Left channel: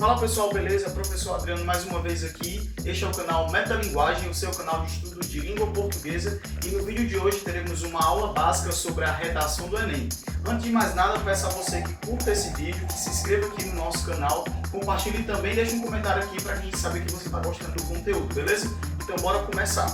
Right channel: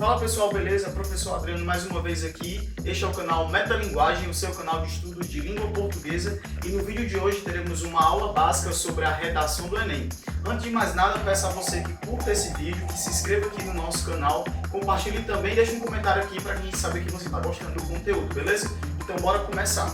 Fala pessoal, beleza? Professor Adriano mais uma vez aqui. Este é o canal Metalinguagem, o seu canal de estudo de língua portuguesa, e no vídeo de hoje teremos uma aula básica sobre a redação do Enem. Antes de mais nada, peço a você que curta esse vídeo, que se inscreva aqui no nosso canal, compartilhe também e deixe um comentário aqui para a gente saber que você está gostando do conteúdo, beleza? Então bora começar!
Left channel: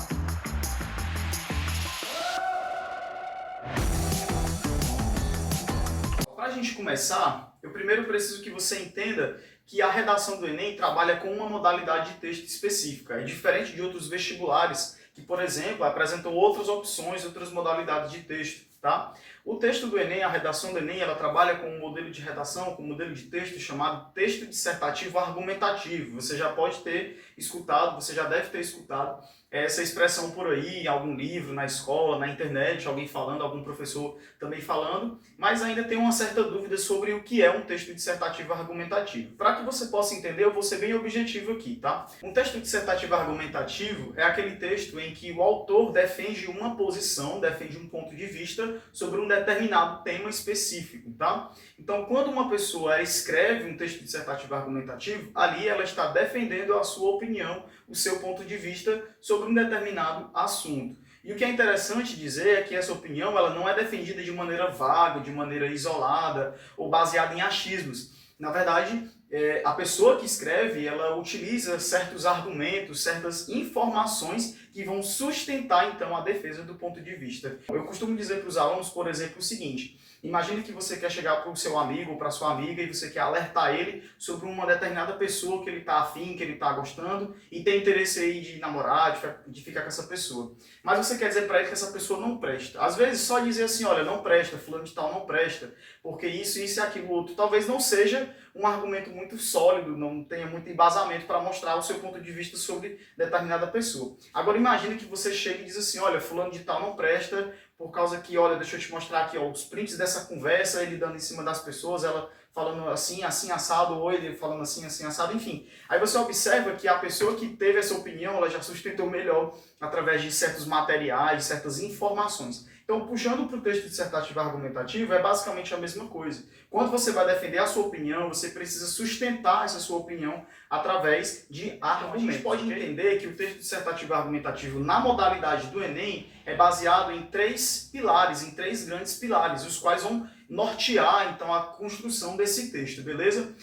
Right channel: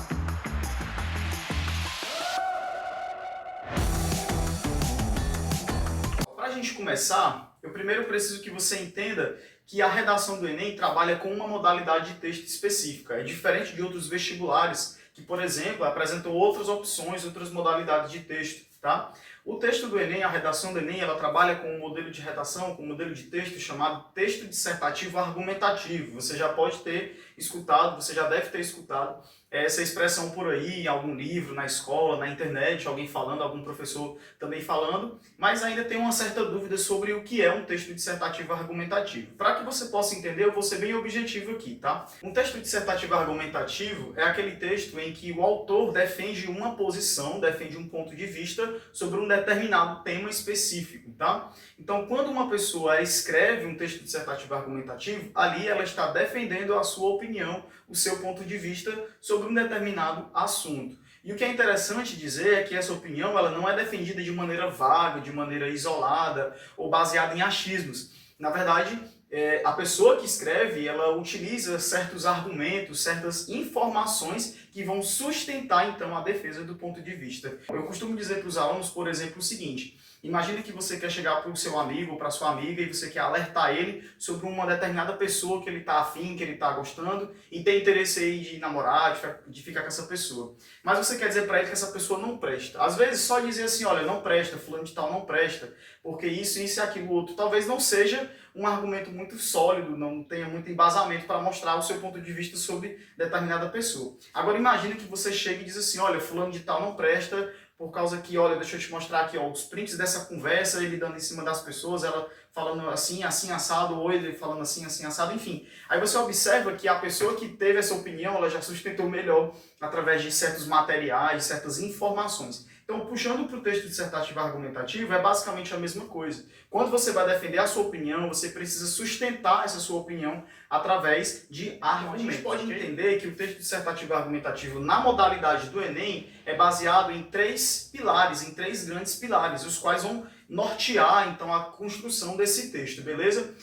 Para a gente começar, eu primeiro preciso que você entenda que a redação do Enem trabalha com uma modalidade de texto específica. É diferente de outros vestibulares que, por exemplo, apresentam outras opções, outras modalidades de texto, tá? O texto do Enem, a redação do Enem, ela trabalha com um modelo de redação, com um modelo de texto chamado texto dissertativo argumentativo. Você já pode ter escutado, você já deve ter escutado essa expressão por aí, em algum livro, na escola, na internet, alguém falando, algum professor também falando, mas ainda tem uma certa dúvida sobre o que é um texto dissertativo argumentativo. Para que você possa entender, eu vou ser bem objetivo aqui, tá? Um texto dissertativo argumentativo é aquele texto em que o autor defende uma posição, defende um ponto de vista sobre um determinado tema específico, tá? Então, quando uma pessoa escreve um texto dissertativo argumentativo, ali ela está defendendo a sua opinião, o seu ponto de vista sobre um determinado assunto. E o que é interessante dizer é que essa opinião ela não é defendida de maneira vaga, de maneira isolada ou baseada em achismos. Na verdade, a pessoa que escreve, ela utiliza certos argumentos, certas informações que vão sustentar, então, a defesa do ponto de vista. Eu costumo dizer para os alunos, por exemplo, o seguinte: imagine que você quer chegar para o seu amigo ou para a sua amiga e você quer alertar ele sobre uma determinada pessoa que ele está afim, que ele está gostando e tem interesse aí de namorar, de ficar com essa pessoa. Mas você quer dizer para ele que essa pessoa não presta. Às vezes só dizer assim, olha, não presta, fulano de tal não presta, porque isso e aquilo outro, talvez não seja um argumento muito sólido, não tenha muito embasamento para mostrar o seu ponto de vista sobre determinada pessoa. Agora imagine que você chega e diz assim, olha, fulano de tal não presta, por causa que, olha, deixa eu te mostrar aqui, ó, os prints dessa conversa, ele dando em cima das pessoas, ela falando assim, assim, assado, ou ele falando assim, assim, assado, enfim. Aí você observa que a pessoa que teve essa opinião, ela já sustentou melhor através de certos materiais, certas informações. Então, puxando para o texto dissertativo argumentativo, é basicamente a mesma coisa. Quando você vai defender a sua opinião, você precisa sustentar essa sua opinião através de argumentos. A gente pode entender que o texto dissertativo argumentativo, na modalidade do Enem, é baseado em três pilares, em três grandes pilares, os quais vão nortear, então, a construção desse texto, beleza?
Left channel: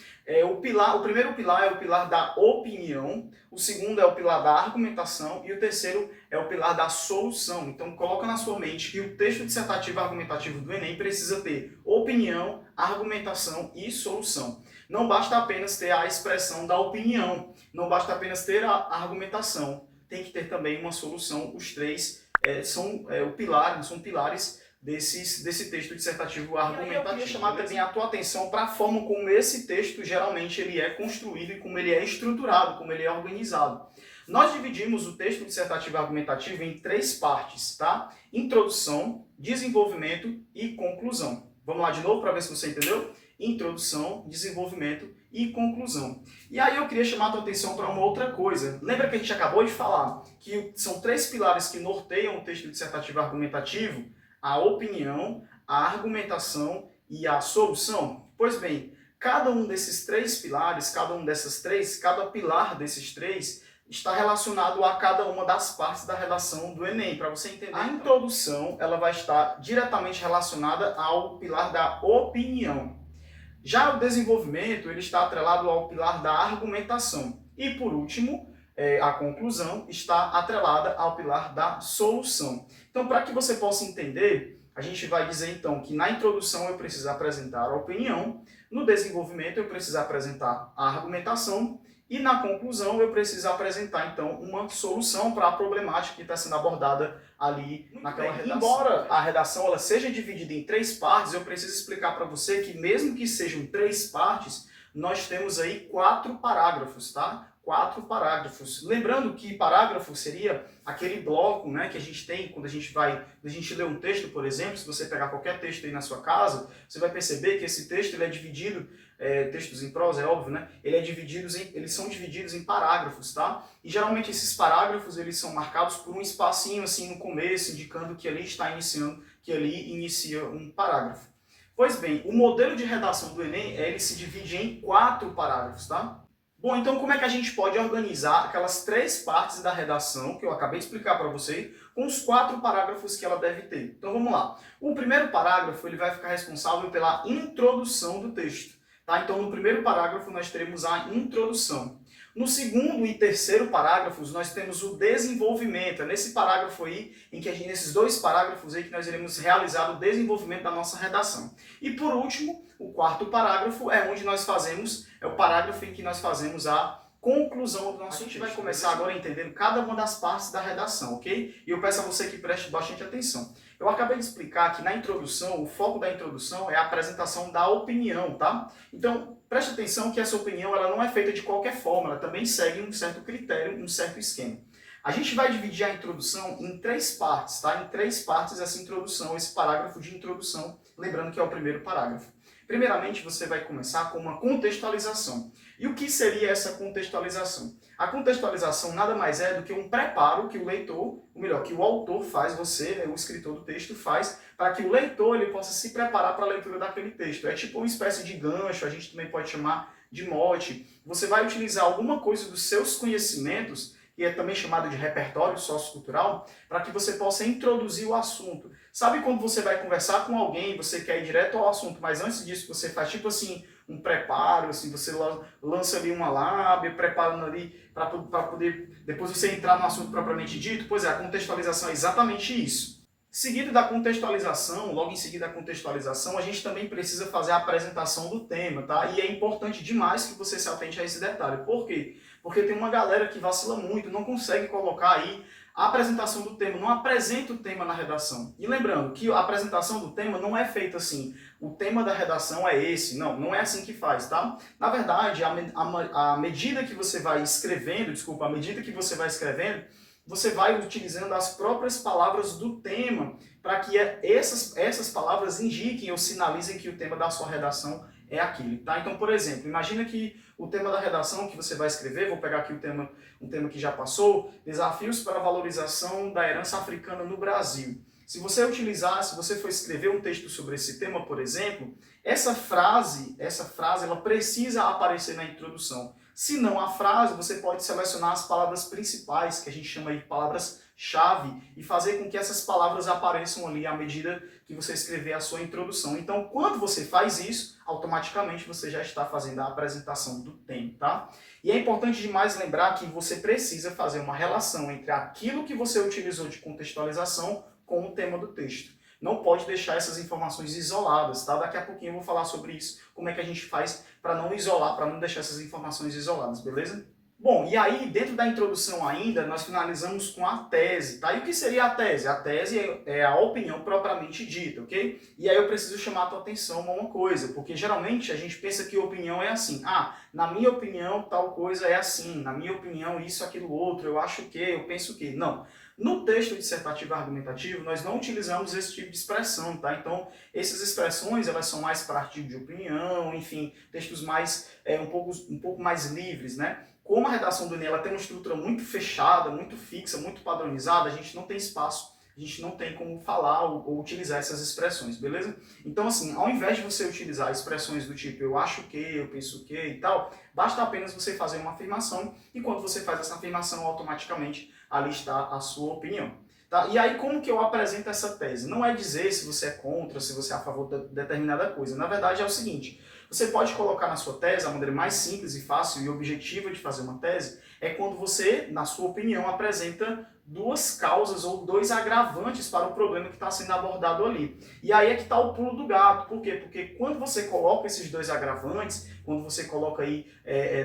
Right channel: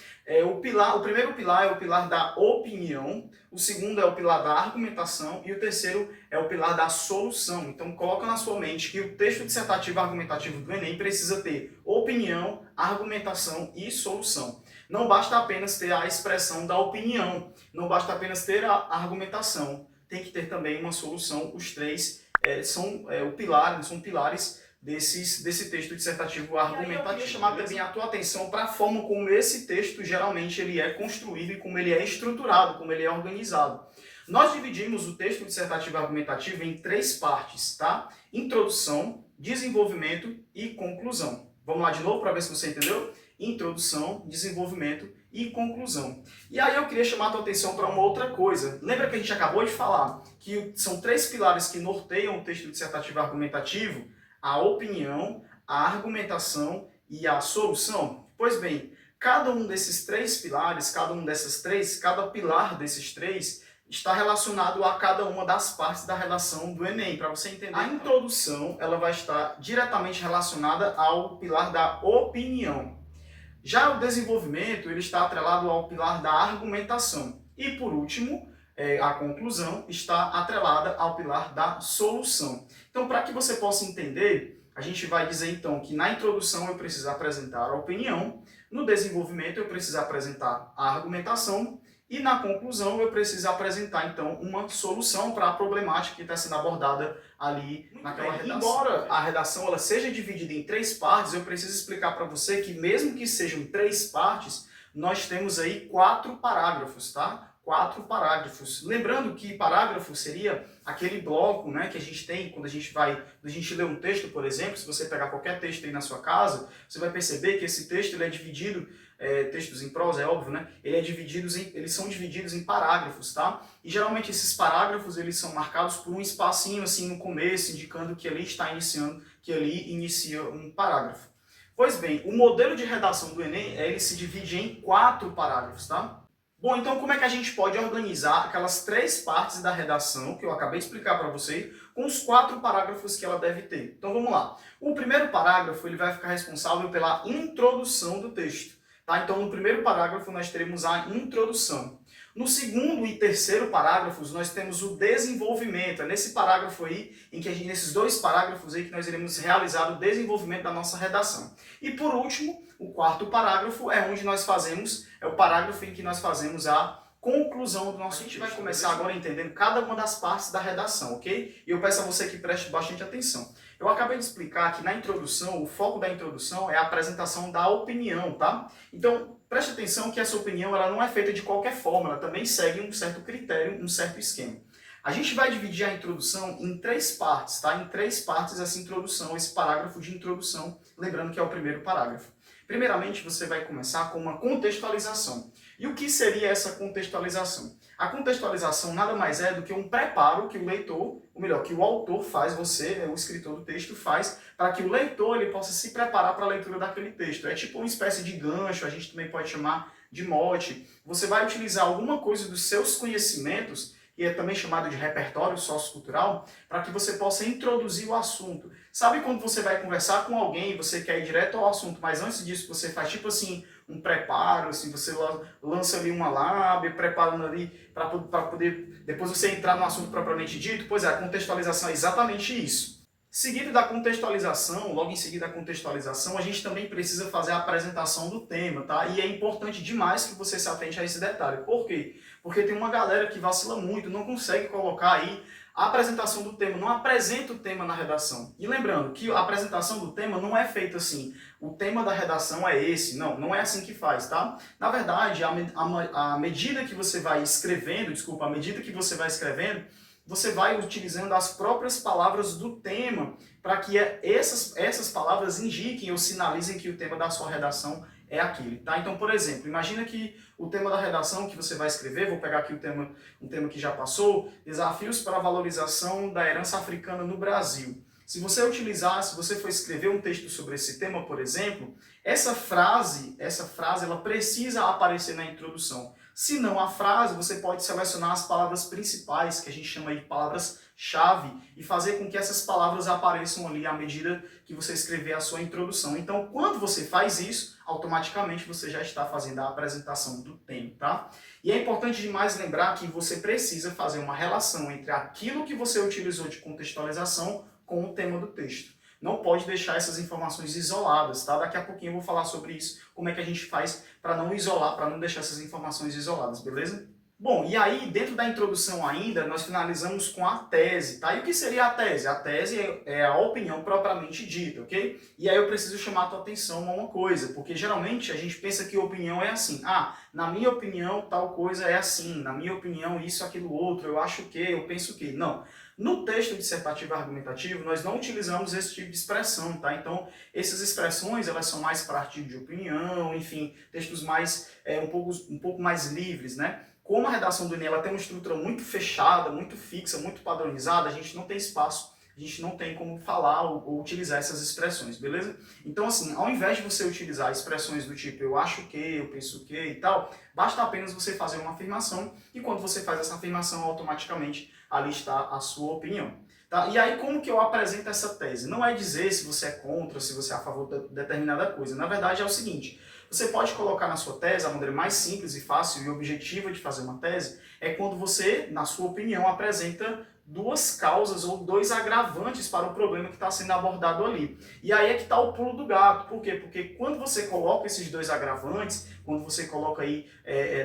O primeiro pilar é o pilar da opinião, o segundo é o pilar da argumentação e o terceiro é o pilar da solução. Então, coloca na sua mente que o texto dissertativo argumentativo do Enem precisa ter opinião, argumentação e solução. Não basta apenas ter a expressão da opinião, não basta apenas ter a argumentação, tem que ter também uma solução. Os três são pilares desse texto dissertativo argumentativo. Eu queria chamar também a tua atenção para a forma como esse texto geralmente ele é construído e como ele é estruturado, como ele é organizado. Nós dividimos o texto dissertativo argumentativo em três partes, tá? Introdução, desenvolvimento e conclusão. Vamos lá de novo para ver se você entendeu? Introdução, desenvolvimento e conclusão. E aí eu queria chamar a tua atenção para uma outra coisa. Lembra que a gente acabou de falar que são três pilares que norteiam o texto dissertativo argumentativo? A opinião, a argumentação e a solução? Pois bem, cada um desses três pilares, cada pilar desses três está relacionado a cada uma das partes da redação do Enem, para você entender. A introdução, ela vai estar diretamente relacionada ao pilar da opinião. Já o desenvolvimento, ele está atrelado ao pilar da argumentação. E por último, a conclusão está atrelada ao pilar da solução. Então, para que você possa entender, a gente vai dizer então que na introdução eu preciso apresentar a opinião, no desenvolvimento eu preciso apresentar a argumentação e na conclusão eu preciso apresentar então uma solução para a problemática que está sendo abordada ali naquela redação. Embora a redação ela seja dividida em três partes, eu preciso explicar para você que mesmo que sejam três partes, nós temos aí 4 parágrafos, tá? 4 parágrafos. Lembrando que parágrafo seria aquele bloco, né, que a gente tem quando a gente lê um texto, por exemplo. Se você pegar qualquer texto aí na sua casa, você vai perceber que esse texto ele é dividido, textos em prosa, é óbvio, né? Eles são divididos em parágrafos, tá? E geralmente esses parágrafos eles são marcados por um espacinho assim no começo, indicando que ali está iniciando, que ali inicia um parágrafo. Pois bem, o modelo de redação do Enem ele se divide em 4 parágrafos, tá? Bom, então como é que a gente pode organizar aquelas 3 partes da redação que eu acabei de explicar para vocês, com os 4 parágrafos que ela deve ter? Então vamos lá. O primeiro parágrafo ele vai ficar responsável pela introdução do texto. Tá? Então no primeiro parágrafo nós teremos a introdução. No segundo e terceiro parágrafos nós temos o desenvolvimento. É nesse parágrafo aí, nesses 2 parágrafos aí que nós iremos realizar o desenvolvimento da nossa redação. E por último, o quarto parágrafo é onde nós fazemos, é o parágrafo em que nós fazemos a conclusão do nosso texto. A gente vai começar agora entendendo cada uma das partes da redação, ok? E eu peço a você que preste bastante atenção. Eu acabei de explicar que na introdução, o foco da introdução é a apresentação da opinião, tá? Então, preste atenção que essa opinião ela não é feita de qualquer forma, ela também segue um certo critério, um certo esquema. A gente vai dividir a introdução em 3 partes, tá? Em 3 partes essa introdução, esse parágrafo de introdução, lembrando que é o primeiro parágrafo. Primeiramente, você vai começar com uma contextualização. E o que seria essa contextualização? A contextualização nada mais é do que um preparo que o leitor, ou melhor, que o autor faz, você, o escritor do texto, faz para que o leitor ele possa se preparar para a leitura daquele texto. É tipo uma espécie de gancho, a gente também pode chamar de mote. Você vai utilizar alguma coisa dos seus conhecimentos, que é também chamado de repertório sociocultural, para que você possa introduzir o assunto. Sabe quando você vai conversar com alguém, você quer ir direto ao assunto, mas antes disso você faz tipo assim, um preparo, assim, você lança ali uma lábia, preparando ali para poder depois você entrar no assunto propriamente dito? Pois é, a contextualização é exatamente isso. Seguido da contextualização, logo em seguida da contextualização, a gente também precisa fazer a apresentação do tema, tá? E é importante demais que você se atente a esse detalhe. Por quê? Porque tem uma galera que vacila muito, não consegue colocar aí a apresentação do tema, não apresenta o tema na redação. E lembrando que a apresentação do tema não é feita assim, o tema da redação é esse, não é assim que faz, tá? Na verdade, à medida que você vai escrevendo, você vai utilizando as próprias palavras do tema para que essas palavras indiquem ou sinalizem que o tema da sua redação é aquele, tá? Então, por exemplo, imagina que o tema da redação que você vai escrever, vou pegar aqui um tema que já passou, desafios para a valorização da herança africana no Brasil. Se você for escrever um texto sobre esse tema, por exemplo, essa frase ela precisa aparecer na introdução. Se não a frase, você pode selecionar as palavras principais, que a gente chama de palavras-chave, e fazer com que essas palavras apareçam ali à medida que você escrever a sua introdução. Então, quando você faz isso, automaticamente você já está fazendo a apresentação do tema, tá? E é importante demais lembrar que você precisa fazer uma relação entre aquilo que você utilizou de contextualização com o tema do texto. Não pode deixar essas informações isoladas, tá? Daqui a pouquinho eu vou falar sobre isso, como é que a gente faz para não isolar, para não deixar essas informações isoladas, beleza? Bom, e aí, dentro da introdução ainda, nós finalizamos com a tese, tá? E o que seria a tese? A tese é a opinião propriamente dita, ok? E aí eu preciso chamar a tua atenção a uma coisa, porque geralmente a gente pensa que opinião é assim. Ah, na minha opinião tal coisa é assim, na minha opinião isso, aquilo, outro, eu acho que, eu penso que. Não. No texto dissertativo e argumentativo, nós não utilizamos esse tipo de expressão, tá? Então, essas expressões, elas são mais para artigo de opinião, enfim, textos mais, um pouco mais livres, né? Como a redação do Enem ela tem uma estrutura muito fechada, muito fixa, muito padronizada, a gente não tem espaço, a gente não tem como falar ou utilizar essas expressões, beleza? Então, assim, ao invés de você utilizar expressões do tipo eu acho que, eu penso que e tal, basta apenas você fazer uma afirmação e quando você faz essa afirmação, automaticamente ali está a sua opinião. Tá? E aí, como que eu apresento essa tese? Não é dizer se você é contra, se você é a favor de determinada coisa. Na verdade, é o seguinte, você pode colocar na sua tese, a maneira mais simples e fácil e objetiva de fazer uma tese, é quando você, na sua opinião, apresenta 2 causas ou 2 agravantes para o problema que está sendo abordado ali. E aí é que está o pulo do gato. Por quê? Porque quando você coloca esses 2 agravantes, quando você coloca aí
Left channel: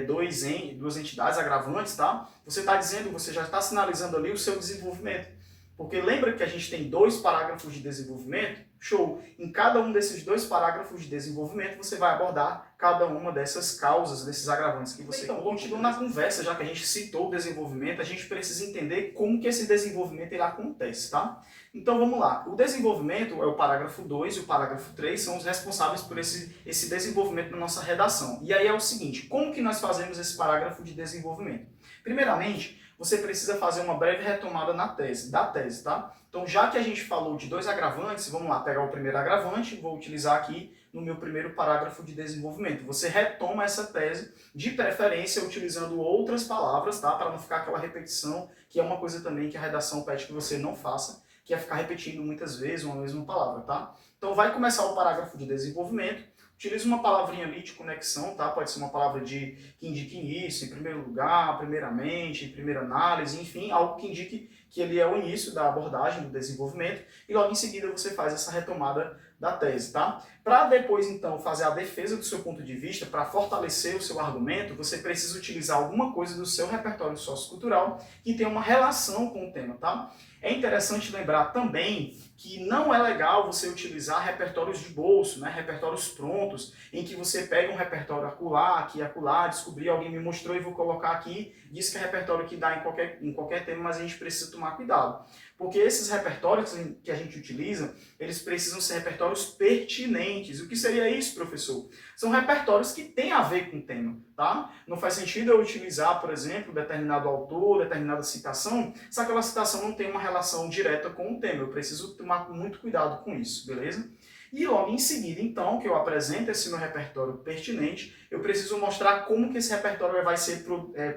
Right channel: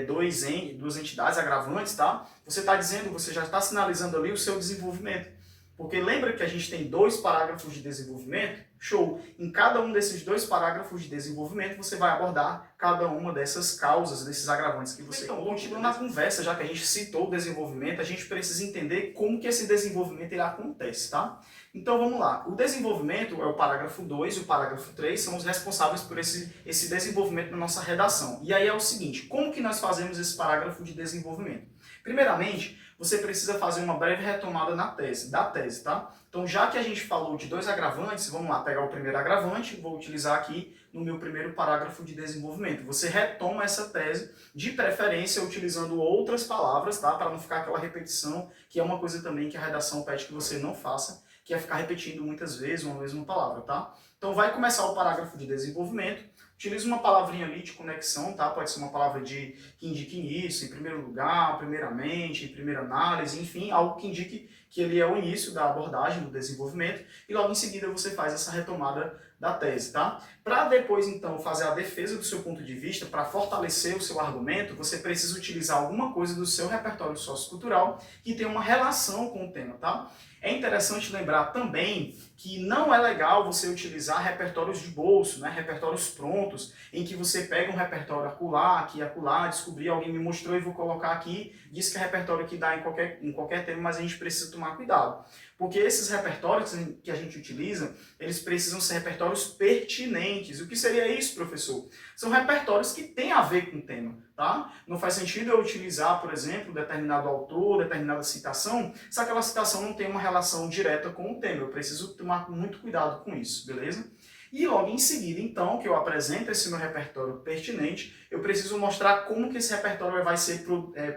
duas entidades agravantes, tá? Você está dizendo, você já está sinalizando ali o seu desenvolvimento. Porque lembra que a gente tem 2 parágrafos de desenvolvimento? Show! Em cada um desses 2 parágrafos de desenvolvimento, você vai abordar cada uma dessas causas, desses agravantes que você colocou. Então, continuando na conversa, já que a gente citou o desenvolvimento, a gente precisa entender como que esse desenvolvimento ele acontece, tá? Então, vamos lá. O desenvolvimento é o parágrafo 2 e o parágrafo 3 são os responsáveis por esse desenvolvimento na nossa redação. E aí é o seguinte, como que nós fazemos esse parágrafo de desenvolvimento? Primeiramente, você precisa fazer uma breve retomada da tese, tá? Então, já que a gente falou de 2 agravantes, vamos lá, pegar o primeiro agravante, vou utilizar aqui no meu primeiro parágrafo de desenvolvimento. Você retoma essa tese, de preferência utilizando outras palavras, tá? Para não ficar aquela repetição, que é uma coisa também que a redação pede que você não faça, que é ficar repetindo muitas vezes uma mesma palavra, tá? Então vai começar o parágrafo de desenvolvimento, utiliza uma palavrinha ali de conexão, tá? Pode ser uma palavra que indique início, em primeiro lugar, primeiramente, primeira análise, enfim, algo que indique que ele é o início da abordagem, do desenvolvimento, e logo em seguida você faz essa retomada da tese, tá? Para depois, então, fazer a defesa do seu ponto de vista, para fortalecer o seu argumento, você precisa utilizar alguma coisa do seu repertório sociocultural que tenha uma relação com o tema, tá? É interessante lembrar também que não é legal você utilizar repertórios de bolso, né? Repertórios prontos, em que você pega um repertório acolá, aqui e acolá, descobri, alguém me mostrou e vou colocar aqui, diz que é repertório que dá em qualquer tema, mas a gente precisa tomar cuidado. Porque esses repertórios que a gente utiliza, eles precisam ser repertórios pertinentes. O que seria isso, professor? São repertórios que têm a ver com o tema, tá? Não faz sentido eu utilizar, por exemplo, determinado autor, determinada citação, se aquela citação não tem uma relação direta com o tema. Eu preciso tomar muito cuidado com isso, beleza? E logo em seguida, então, que eu apresento esse meu repertório pertinente, eu preciso mostrar como que esse repertório vai ser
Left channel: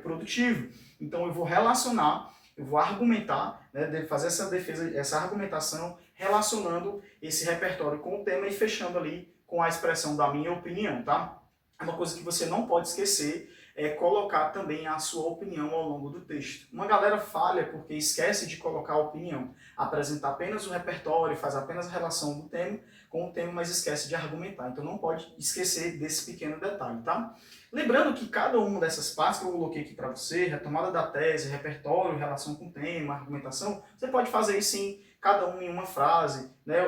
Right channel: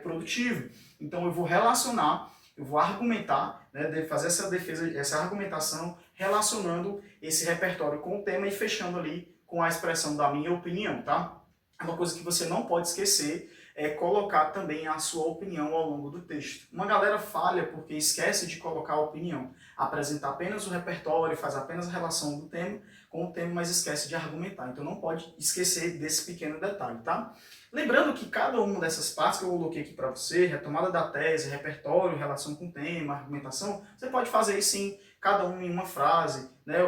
produtivo. Então eu vou relacionar, eu vou argumentar, né, fazer essa defesa, essa argumentação, relacionando esse repertório com o tema e fechando ali com a expressão da minha opinião, tá? É uma coisa que você não pode esquecer, é colocar também a sua opinião ao longo do texto. Uma galera falha porque esquece de colocar a opinião, apresenta apenas o repertório, faz apenas a relação do tema com o tema, mas esquece de argumentar. Então não pode esquecer desse pequeno detalhe, tá? Lembrando que cada uma dessas partes que eu coloquei aqui para você, retomada da tese, repertório, relação com o tema, argumentação, você pode fazer isso em cada um em uma frase, né?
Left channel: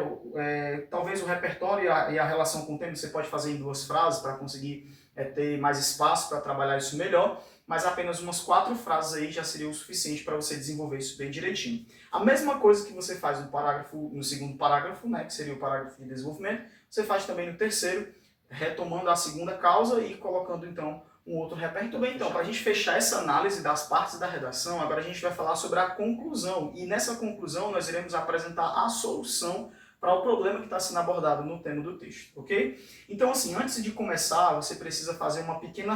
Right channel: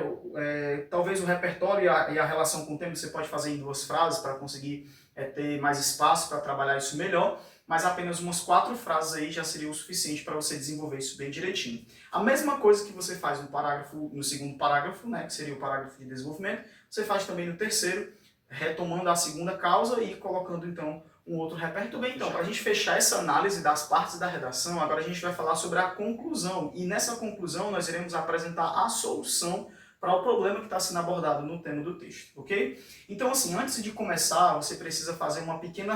Talvez o repertório e a relação com o tema você pode fazer em 2 frases para conseguir ter mais espaço para trabalhar isso melhor, mas apenas umas 4 frases aí já seria o suficiente para você desenvolver isso bem direitinho. A mesma coisa que você faz no segundo parágrafo, né, que seria o parágrafo de desenvolvimento, você faz também no terceiro, retomando a segunda causa e colocando então um outro repertório. Bem, então, para a gente fechar essa análise das partes da redação, agora a gente vai falar sobre a conclusão. E nessa conclusão nós iremos apresentar a solução para o problema que está sendo abordado no tema do texto, ok? Então, assim, antes de começar, você precisa fazer uma pequena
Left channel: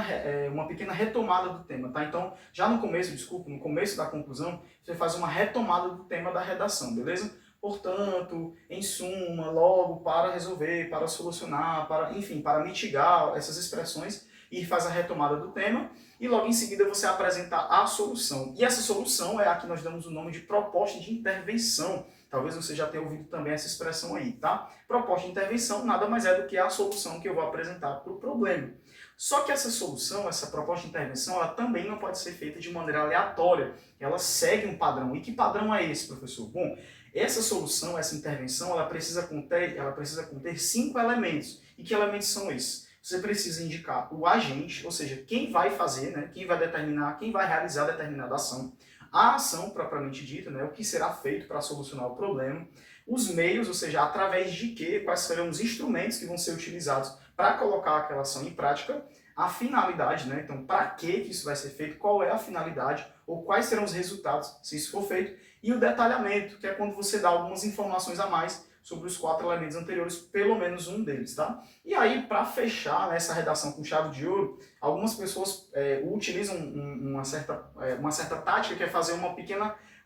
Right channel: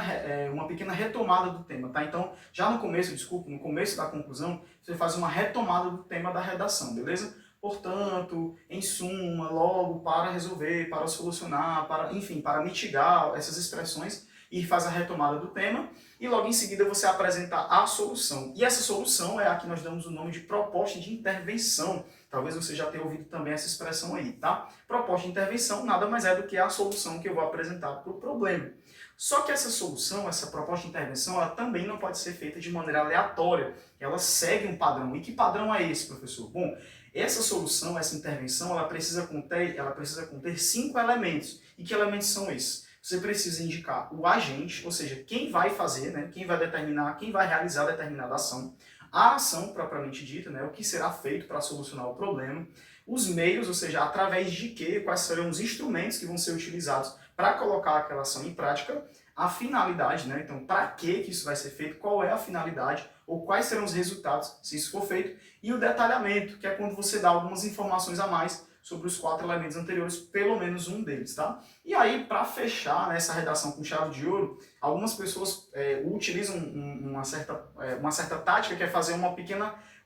retomada do tema, tá? Então, já no começo da conclusão, você faz uma retomada do tema da redação, beleza? Portanto, em suma, logo, para resolver, para solucionar, enfim, para mitigar essas expressões, e faz a retomada do tema, e logo em seguida você apresenta a solução. E essa solução é a que nós damos o nome de proposta de intervenção. Talvez você já tenha ouvido também essa expressão aí, tá? Proposta de intervenção nada mais é do que a solução que eu vou apresentar para o problema. Só que essa solução, essa proposta de intervenção, ela também não pode ser feita de maneira aleatória. Ela segue um padrão. E que padrão é esse, professor? Bom, essa solução, essa intervenção, ela precisa conter 5 elementos. E que elementos são esses? Você precisa indicar o agente, ou seja, quem vai fazer, né, quem vai determinar, quem vai realizar determinada ação, a ação propriamente dita, né, o que será feito para solucionar o problema, os meios, ou seja, através de quê, quais serão os instrumentos que vão ser utilizados para colocar aquela ação em prática, a finalidade, né, então para que isso vai ser feito, qual é a finalidade, ou quais serão os resultados se isso for feito, e o detalhamento, que é quando você dá algumas informações a mais sobre os 4 elementos anteriores, pelo menos um deles, tá? E aí, para fechar essa redação com chave de ouro, algumas pessoas utilizam uma certa tática, que é fazer um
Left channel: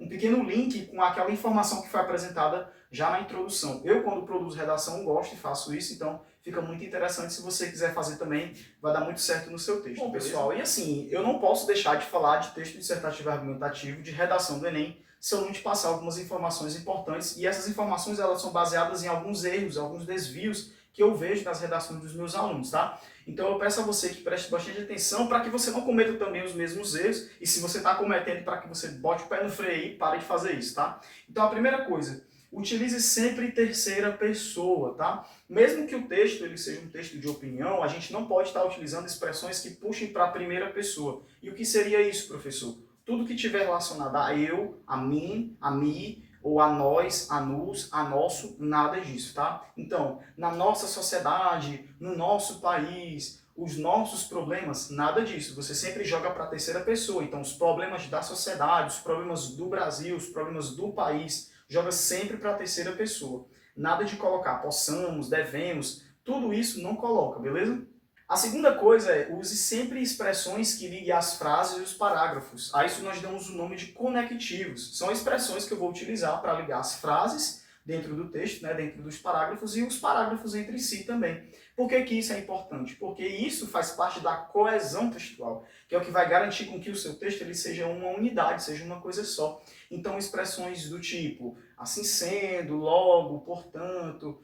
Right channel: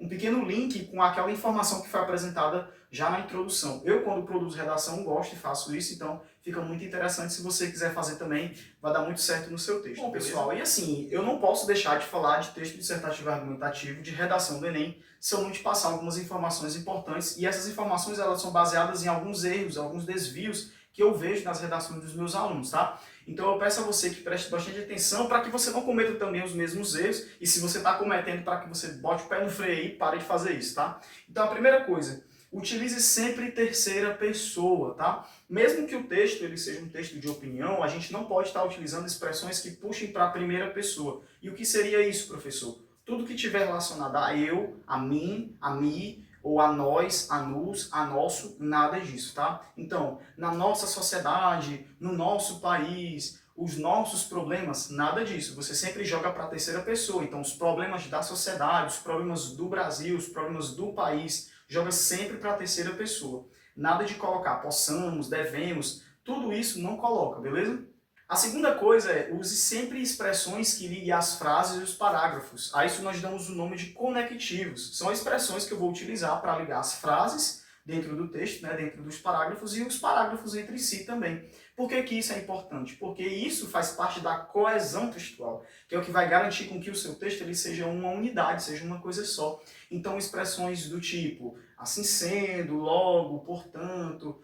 pequeno link com aquela informação que foi apresentada já na introdução. Eu, quando produzo redação, gosto e faço isso, então fica muito interessante. Se você quiser fazer também, vai dar muito certo no seu texto. Bom, pessoal, e assim, eu não posso deixar de falar de texto dissertativo argumentativo, de redação do Enem, se eu não te passar algumas informações importantes, e essas informações elas são baseadas em alguns erros, alguns desvios que eu vejo nas redações dos meus alunos, tá? Então eu peço a você que preste bastante atenção para que você não cometa também os mesmos erros, e se você está cometendo, para que você bote o pé no freio e pare de fazer isso, tá? Então a primeira coisa, utilize sempre terceira pessoa, tá? Mesmo que o texto ele seja um texto de opinião, a gente não pode estar utilizando expressões que puxem para a primeira pessoa. E o que seria isso, professor? Tudo que tiver relacionado a eu, a mim, a mi, ou a nós, a nos, a nosso, nada disso, tá? Então, na nossa sociedade, no nosso país, os nossos problemas, nada disso. Você sempre joga para a terceira pessoa. Então, os problemas da sociedade, os problemas do Brasil, os problemas do país, joga sempre para a terceira pessoa. Nada de colocar possamos, devemos. tudo isso não coloca, beleza? A segunda coisa é, use sempre expressões que liguem as frases e os parágrafos. A isso nós damos o nome de conectivos. São expressões que eu vou utilizar para ligar as frases dentro do texto, né, dentro dos parágrafos, e os parágrafos entre si também. Por que que isso é importante? Porque isso faz parte da coesão textual, que é o que vai garantir com que o seu texto ele seja uma unidade, seja uma coisa só. Então, expressões do tipo, assim sendo, logo, portanto,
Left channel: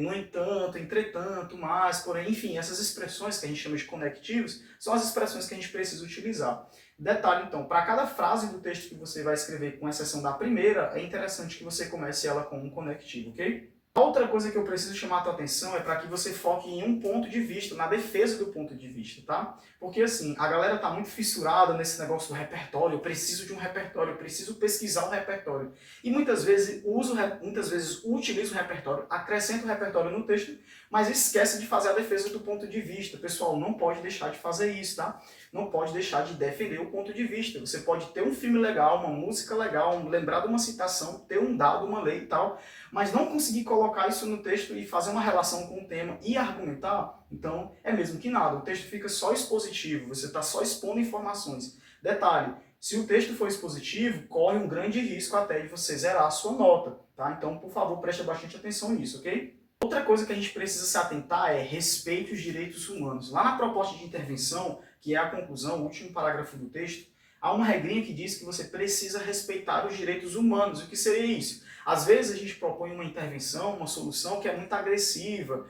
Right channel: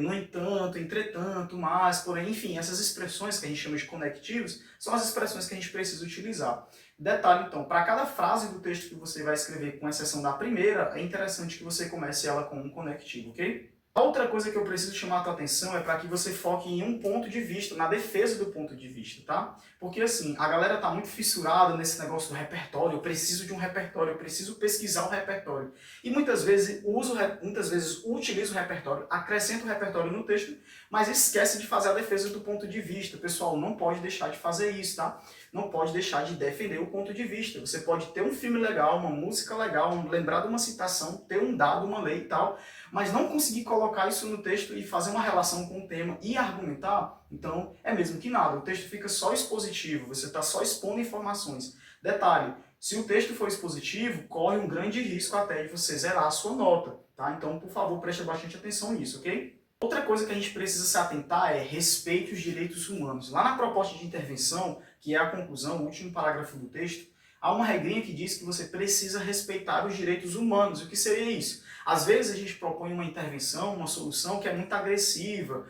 no entanto, entretanto, mas, porém, enfim, essas expressões que a gente chama de conectivos são as expressões que a gente precisa utilizar. Detalhe, então, para cada frase do texto que você vai escrever, com exceção da primeira, é interessante que você comece ela com um conectivo, ok? A outra coisa que eu preciso chamar a tua atenção é para que você foque em um ponto de vista, na defesa do ponto de vista, tá? Porque assim, a galera tá muito fissurada nesse negócio do repertório, eu preciso de um repertório, eu preciso pesquisar o repertório. E muitas vezes utiliza o repertório, acrescenta o repertório no texto, mas esquece de fazer a defesa do ponto de vista. Pessoal, não pode deixar de fazer isso, tá? Não pode deixar de defender o ponto de vista. Você pode ter um filme legal, uma música legal, lembrar de uma citação, ter um dado, uma lei e tal, mas não conseguir colocar isso no texto e fazer uma relação com o tema e argumentar, então é mesmo que nada. O texto fica só expositivo, você está só expondo informações. Detalhe, se o texto for expositivo, corre um grande risco até de você zerar a sua nota, tá? Então, por favor, preste bastante atenção nisso, ok? Outra coisa que a gente precisa se atentar é respeite os direitos humanos. Lá na proposta de intervenção, que é a conclusão, o último parágrafo do texto, há uma regrinha que diz que você precisa respeitar os direitos humanos. O que seria isso? Às vezes a gente propõe uma intervenção, uma solução que é muito agressiva.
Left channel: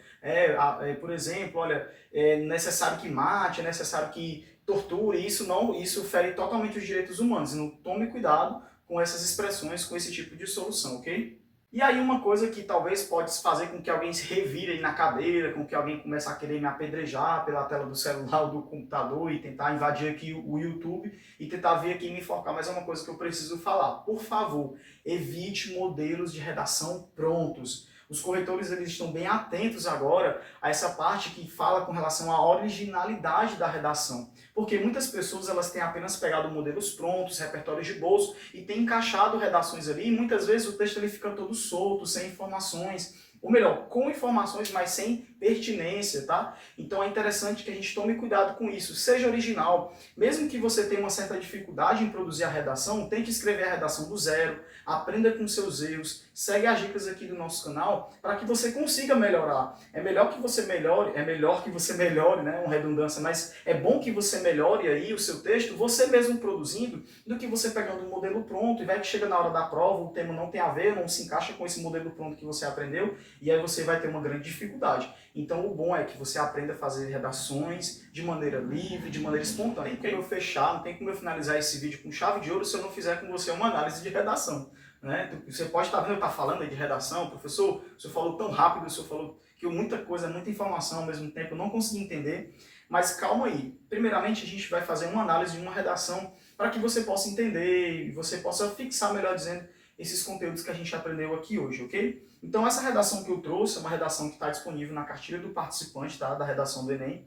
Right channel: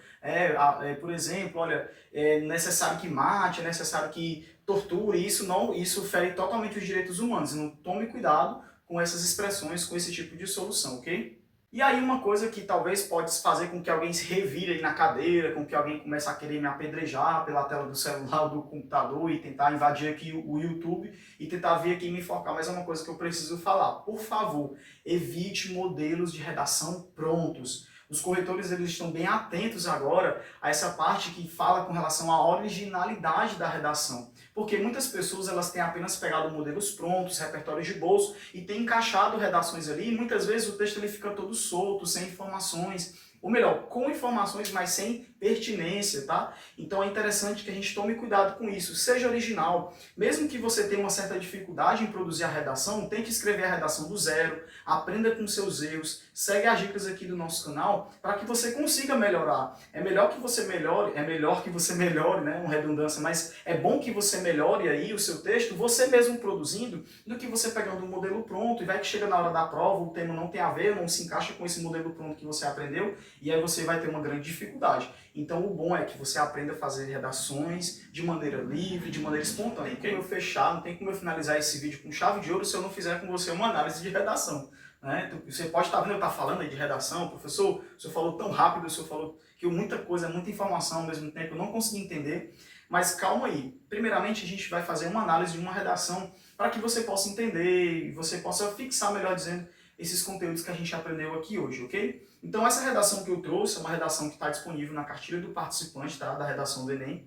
Por exemplo, olha, é necessário que mate, é necessário que torture. Isso fere totalmente os direitos humanos. Então tome cuidado com essas expressões, com esse tipo de solução, ok? E aí uma coisa que talvez pode fazer com que alguém se revire aí na cadeira, com que alguém comece a querer me apedrejar pela tela do celular ou do computador e tentar invadir aqui o YouTube e tentar vir aqui e me enforcar, mas é uma coisa que eu preciso falar. Por favor, evite modelos de redação prontos. Os corretores eles estão bem atentos agora a essa parte que fala com relação à originalidade da redação. Porque muitas pessoas elas têm apenas pegado modelos prontos, repertórios de bolso, e têm encaixado redações ali, e muitas vezes o texto ele fica todo solto, sem informações, ou melhor, com informações, mas sem pertinência, tá? Então é interessante que a gente tome cuidado com isso, seja original. Mesmo que você tenha uma certa dificuldade em produzir a redação, tente escrever a redação do zero, aprenda com seus erros, segue as dicas aqui do nosso canal para que você consiga melhorar. É melhor que você melhore, né? Uma redundância, mas é bom que você melhore aí o seu texto, você mesmo produzindo, do que você pegando um modelo pronto e vai que chega na hora da prova, o tema não tem a ver, não se encaixa com esse modelo pronto que você aprendeu, e aí você vai ter uma grande dificuldade. Então o bom é que você aprenda a fazer redações de maneira livre, de maneira espontânea. Não tem como eu fechar, não tem como eu finalizar esse vídeo com chave de ouro se eu não fizer com você uma análise de redação. Né? Você pode estar vendo eu estar falando aí de redação, professor, o senhor falou tão rápido, o senhor falou que muita coisa, muita informação ao mesmo tempo, eu não consegui entender, mas calma aí. Primeiramente a gente vai fazer uma análise de uma redação para que você possa entender e você possa fixar, melhor dizendo, esses conteúdos que a gente aprendeu aqui hoje, ok? Então essa redação que eu trouxe é uma redação que está disponível na cartilha do participante, tá? Da redação do Enem,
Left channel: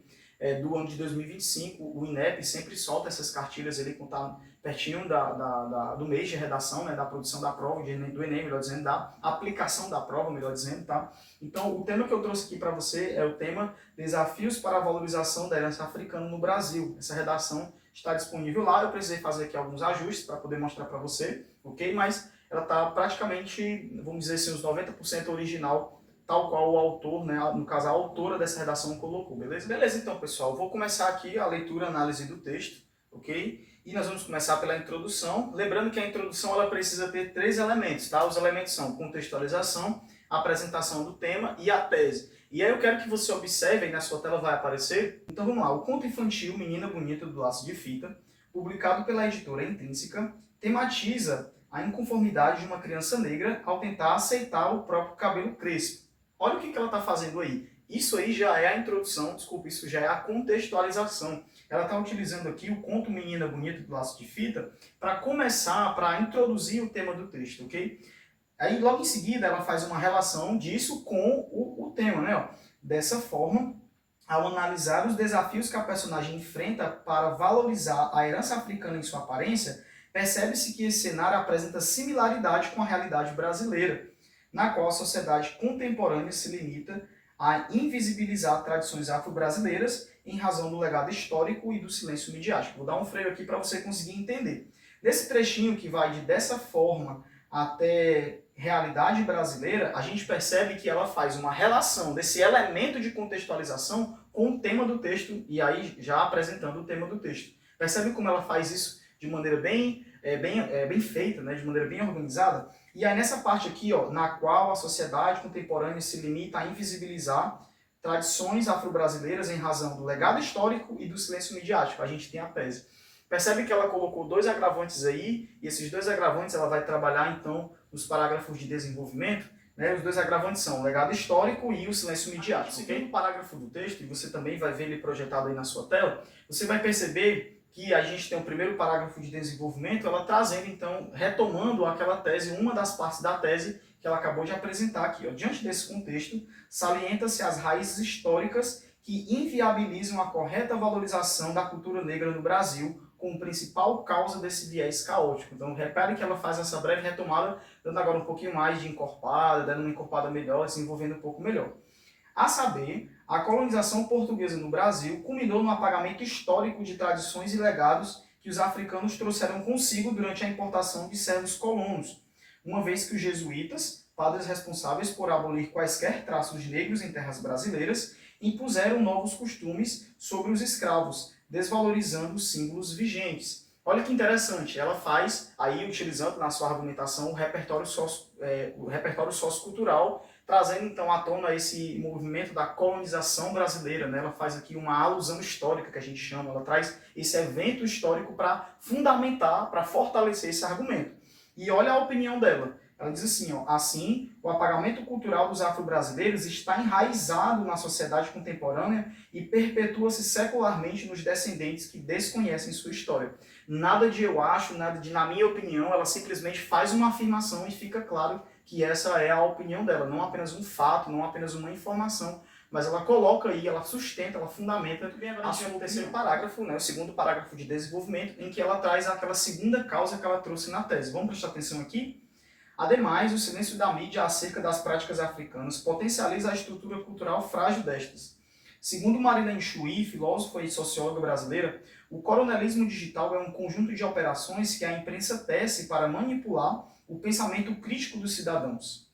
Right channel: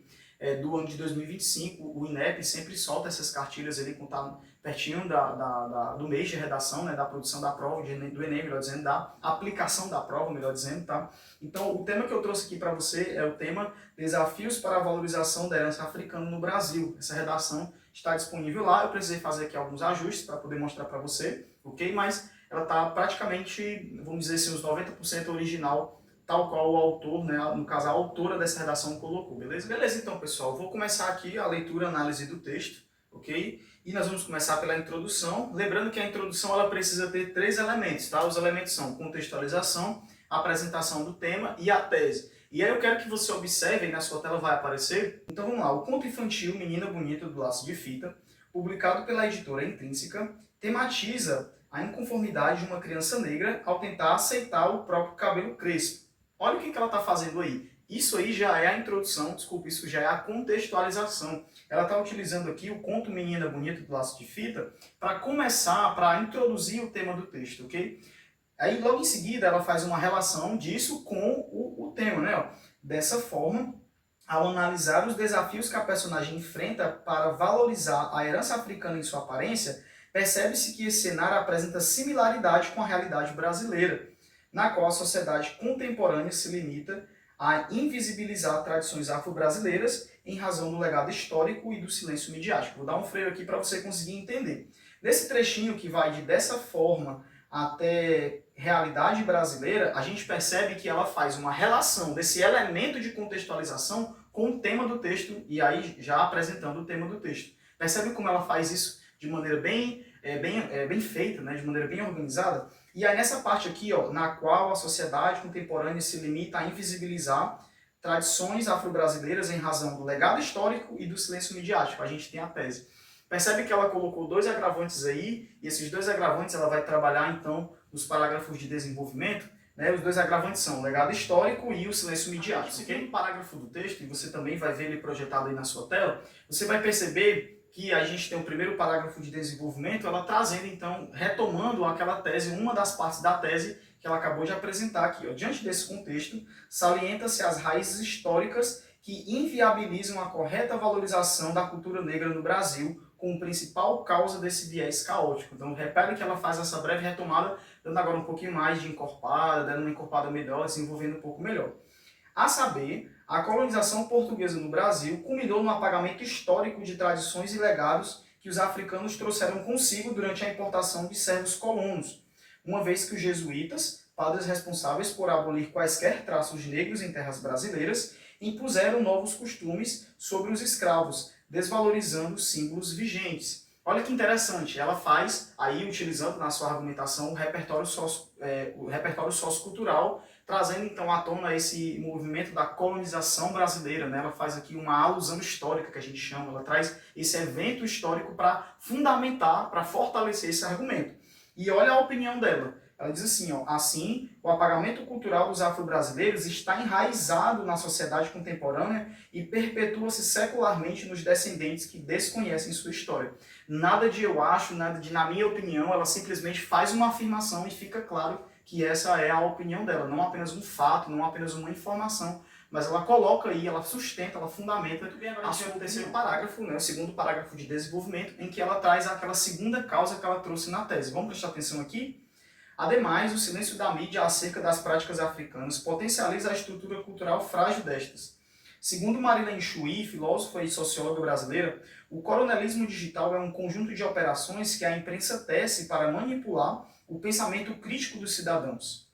do ano de 2025. O INEP sempre solta essas cartilhas ali, quando está pertinho do mês de redação, né? Da produção da prova, do Enem, melhor dizendo, da aplicação da prova, melhor dizendo, tá? Então o tema que eu trouxe aqui para você é o tema Desafios para a Valorização da Herança Africana no Brasil. Essa redação está disponível lá, eu precisei fazer aqui alguns ajustes para poder mostrar para você, ok? Mas ela está praticamente, vamos dizer assim, uns 90% original, tal qual o autor, né, no caso a autora dessa redação colocou, beleza? Beleza, então pessoal, vou começar aqui a leitura e análise do texto, ok? E nós vamos começar pela introdução, lembrando que a introdução ela precisa ter 3 elementos, tá? Os elementos são contextualização, apresentação do tema e a tese. E aí eu quero que você observe, aí na sua tela vai aparecer, então vamos lá, o conto infantil Menina Bonita do Laço de Fita, publicado pela editora Intrínseca, tematiza a inconformidade de uma criança negra ao tentar aceitar o próprio cabelo crespo. Olha o que ela está fazendo aí. Isso aí já é a introdução, desculpa, isso já é a contextualização. Ela está utilizando aqui o conto Menina Bonita do Laço de Fita para começar, para introduzir o tema do texto, ok? Aí logo em seguida ela faz uma relação disso com o tema, né? Dessa forma, ao analisar os desafios que a personagem enfrenta para valorizar a herança africana em sua aparência, percebe-se que esse cenário apresenta similaridade com a realidade brasileira, na qual a sociedade contemporânea se limita a invisibilizar tradições afro-brasileiras em razão do legado histórico e do silêncio midiático. Vou dar um freio aqui para você conseguir entender. Nesse trechinho que vai de dessa forma até realidade brasileira, a gente percebe que ela faz uma relação desse elemento de contextualização com o tema do texto, e aí já apresentando o tema do texto. Percebe como ela faz isso de maneira bem feita, né? De maneira bem organizada? E aí nessa parte aqui, ó, na qual a sociedade contemporânea se limita a invisibilizar tradições afro-brasileiras em razão do legado histórico e do silêncio midiático. A gente tem a tese. Percebe que ela colocou dois agravantes aí, e esses dois agravantes ela vai trabalhar então nos parágrafos de desenvolvimento, né? Os dois agravantes são o legado histórico e o silêncio midiático. Seguindo o parágrafo do texto, e você também vai ver ele projetado aí na sua tela, você vai perceber que a gente tem o primeiro parágrafo de desenvolvimento, ela trazendo então, retomando aquela tese, uma das partes da tese que ela acabou de apresentar aqui. Ó. Diante desse contexto, salienta-se as raízes históricas que inviabilizam a correta valorização da cultura negra no Brasil, como principal causa desse viés caótico. Então, repare que ela faz essa breve retomada, dando agora um pouquinho mais de encorpada, dando uma encorpada melhor, desenvolvendo um pouco melhor. A saber, a colonização portuguesa no Brasil culminou no apagamento histórico de tradições e legados que os africanos trouxeram consigo durante a importação de servos colonos, uma vez que os jesuítas, padres responsáveis por abolir quaisquer traços negros em terras brasileiras, impuseram novos costumes sobre os escravos, desvalorizando os símbolos vigentes. Olha que interessante, ela faz, aí utilizando na sua argumentação, o repertório sociocultural, trazendo então à tona esse movimento da colonização brasileira, né? Ela faz aqui uma alusão histórica, que a gente chama, ela traz esse evento histórico para fundamentar, para fortalecer esse argumento. E olha a opinião dela. Ela diz assim, ó, assim, o apagamento cultural dos afro-brasileiros está enraizado na sociedade contemporânea e perpetua-se secularmente nos descendentes que desconhecem sua história. Nada de eu acho, nada de na minha opinião, ela simplesmente faz uma afirmação e fica claro que essa é a opinião dela, não apenas um fato, não apenas uma informação, mas ela coloca aí, ela sustenta, ela fundamenta a sua terceiro parágrafo, né, o segundo parágrafo de desenvolvimento, em que ela traz aquela segunda causa que ela trouxe na tese. Vamos prestar atenção aqui? Ademais, o silêncio da mídia acerca das práticas africanas potencializa a estrutura cultural frágil destas. Segundo Marilene Chuí, filósofa e socióloga brasileira, o coronelismo digital é um conjunto de operações que a imprensa tece para manipular o pensamento crítico dos cidadãos.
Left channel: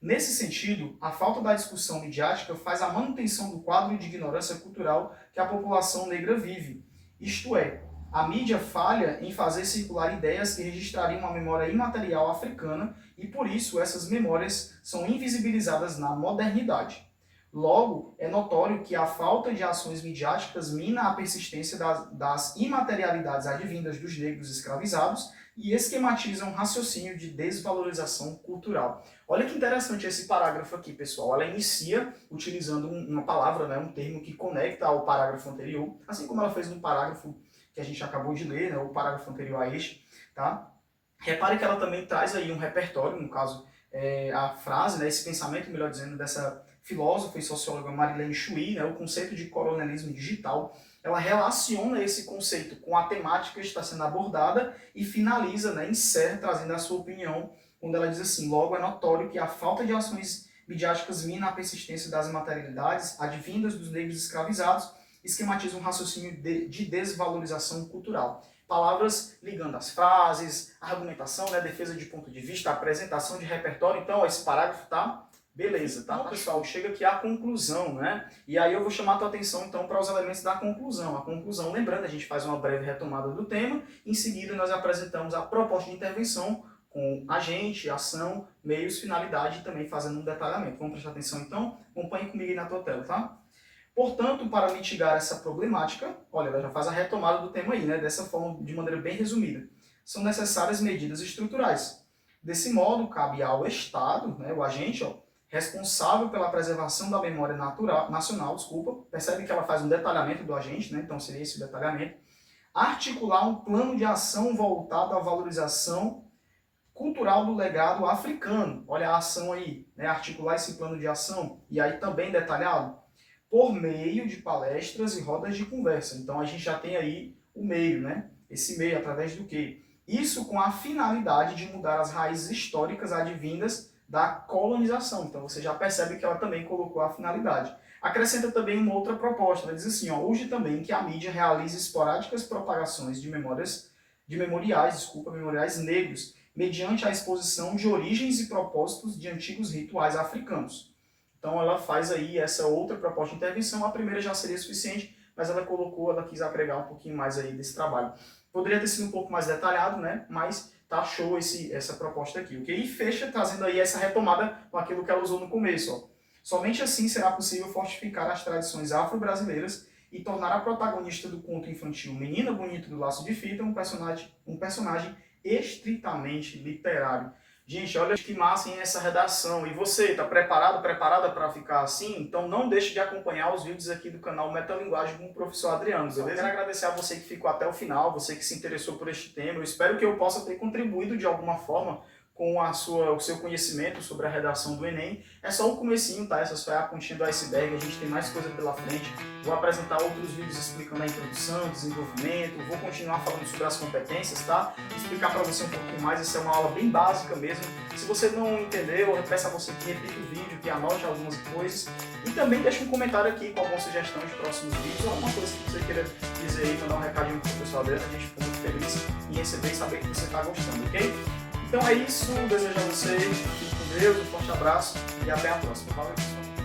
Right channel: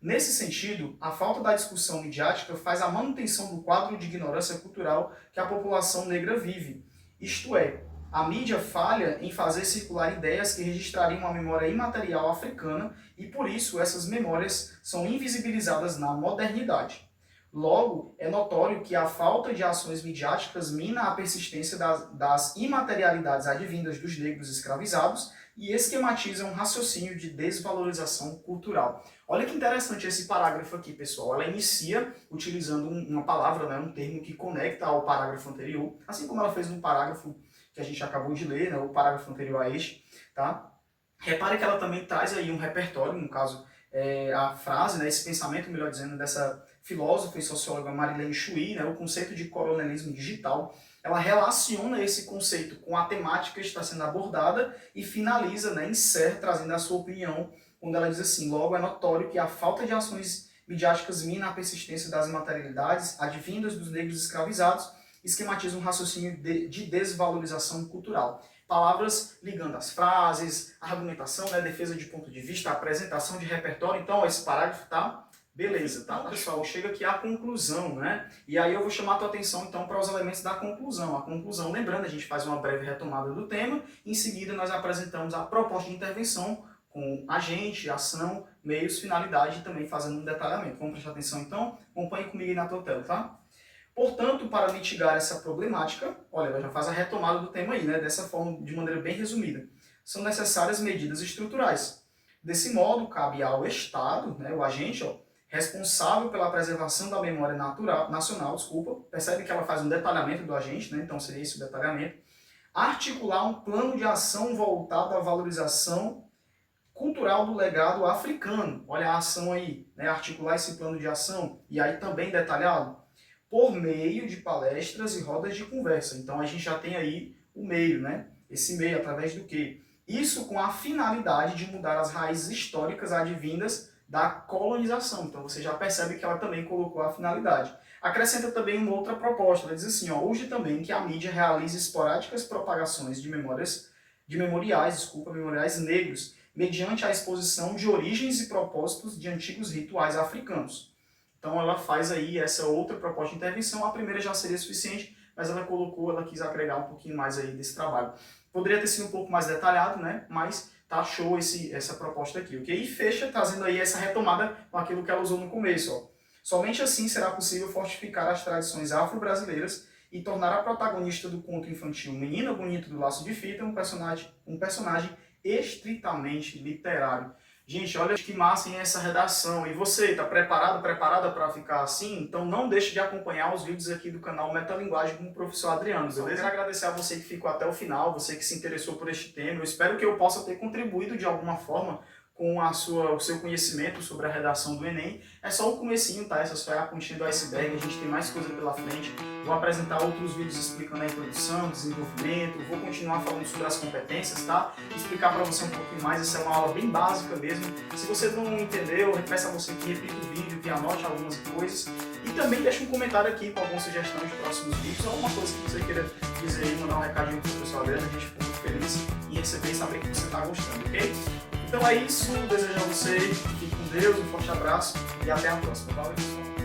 Nesse sentido, a falta da discussão midiática faz a manutenção do quadro de ignorância cultural que a população negra vive, isto é, a mídia falha em fazer circular ideias que registrariam a memória imaterial africana e, por isso, essas memórias são invisibilizadas na modernidade. Logo, é notório que a falta de ações midiáticas mina a persistência das imaterialidades advindas dos negros escravizados e esquematiza um raciocínio de desvalorização cultural. Olha que interessante esse parágrafo aqui, pessoal. Ela inicia utilizando uma palavra, né, um termo que conecta ao parágrafo anterior, assim como ela fez no parágrafo que a gente acabou de ler, né, o parágrafo anterior a este, tá? Repare que ela também traz aí um repertório, no caso, a frase, né, esse pensamento, melhor dizendo, dessa filósofa e socióloga Marilene Chuí, né, o conceito de coronelismo digital. Ela relaciona esse conceito com a temática que está sendo abordada e finaliza, né, encerra, trazendo a sua opinião, quando ela diz assim, logo é notório que a falta de ações midiáticas mina a persistência das materialidades advindas dos negros escravizados, esquematiza um raciocínio de desvalorização cultural. Palavras ligando as frases, argumentação, né, defesa de ponto de vista, apresentação de repertório. Então, ó, esse parágrafo tá beleza, tá, pessoal? Chega aqui à conclusão, né? E aí eu vou chamar a tua atenção, então, para os elementos da conclusão. A conclusão, lembrando, a gente faz uma breve retomada do tema, em seguida nós apresentamos a proposta de intervenção com agente, ação, meios, finalidade e também fazendo um detalhamento. Vamos prestar atenção, então? Acompanhe comigo aí na tua tela, tá? Portanto, para mitigar essa problemática, olha, ela já faz a retomada do tema aí, né? Dessa forma, de maneira bem resumida. São necessárias medidas estruturais. Desse modo, cabe ao Estado, né, o agente, ó, responsável pela preservação da memória nacional, percebe que ela faz um detalhamento do agente, né? Então seria esse o detalhamento, articular um plano de ação voltado à valorização cultural do legado africano. Olha a ação aí, né? Articular esse plano de ação, e aí também detalhado, por meio de palestras e rodas de conversa. Então a gente já tem aí o meio, né? Esse meio através do quê? Isso com a finalidade de mudar as raízes históricas advindas da colonização. Então você já percebe que ela também colocou a finalidade. Acrescenta também uma outra proposta, ela diz assim, ó, urge também que a mídia realize esporádicas propagações de memoriais negros, mediante a exposição de origens e propósitos de antigos rituais africanos. Então ela faz aí essa outra proposta de intervenção, a primeira já seria suficiente, mas ela quis agregar um pouquinho mais aí desse trabalho. Poderia ter sido um pouco mais detalhado, né? Mas tá show essa proposta aqui, ok? E fecha trazendo aí essa retomada com aquilo que ela usou no começo, ó. Somente assim será possível fortificar as tradições afro-brasileiras e tornar a protagonista do conto infantil Menina Bonita do Laço de Fita um personagem estritamente literário. Gente, olha que massa em essa redação. E você, está preparado, preparada para ficar assim? Então não deixe de acompanhar os vídeos aqui do canal Metalinguagem com o professor Adriano, beleza? Eu quero agradecer a você que ficou até o final, você que se interessou por este tema. Eu espero que eu possa ter contribuído de alguma forma com o seu conhecimento sobre a redação do Enem. É só o comecinho, tá? Essa só é a pontinha do iceberg, a gente tem mais coisa pela frente. Vou apresentar outros vídeos explicando a introdução, desenvolvimento, vou continuar falando sobre as competências, tá? Explicar para você um pouquinho mais, essa é uma aula bem básica mesmo. Se você não entendeu, eu peço a você que repita o vídeo, que anote algumas coisas. E também deixe um comentário aqui com alguma sugestão de próximos vídeos, ou alguma coisa que você queira dizer aí, mandar um recadinho pro professor Adriano, a gente fica muito feliz em receber e saber que você está gostando, ok? Então é isso, desejo a vocês, fique com Deus, um forte abraço e até a próxima. Valeu, pessoal!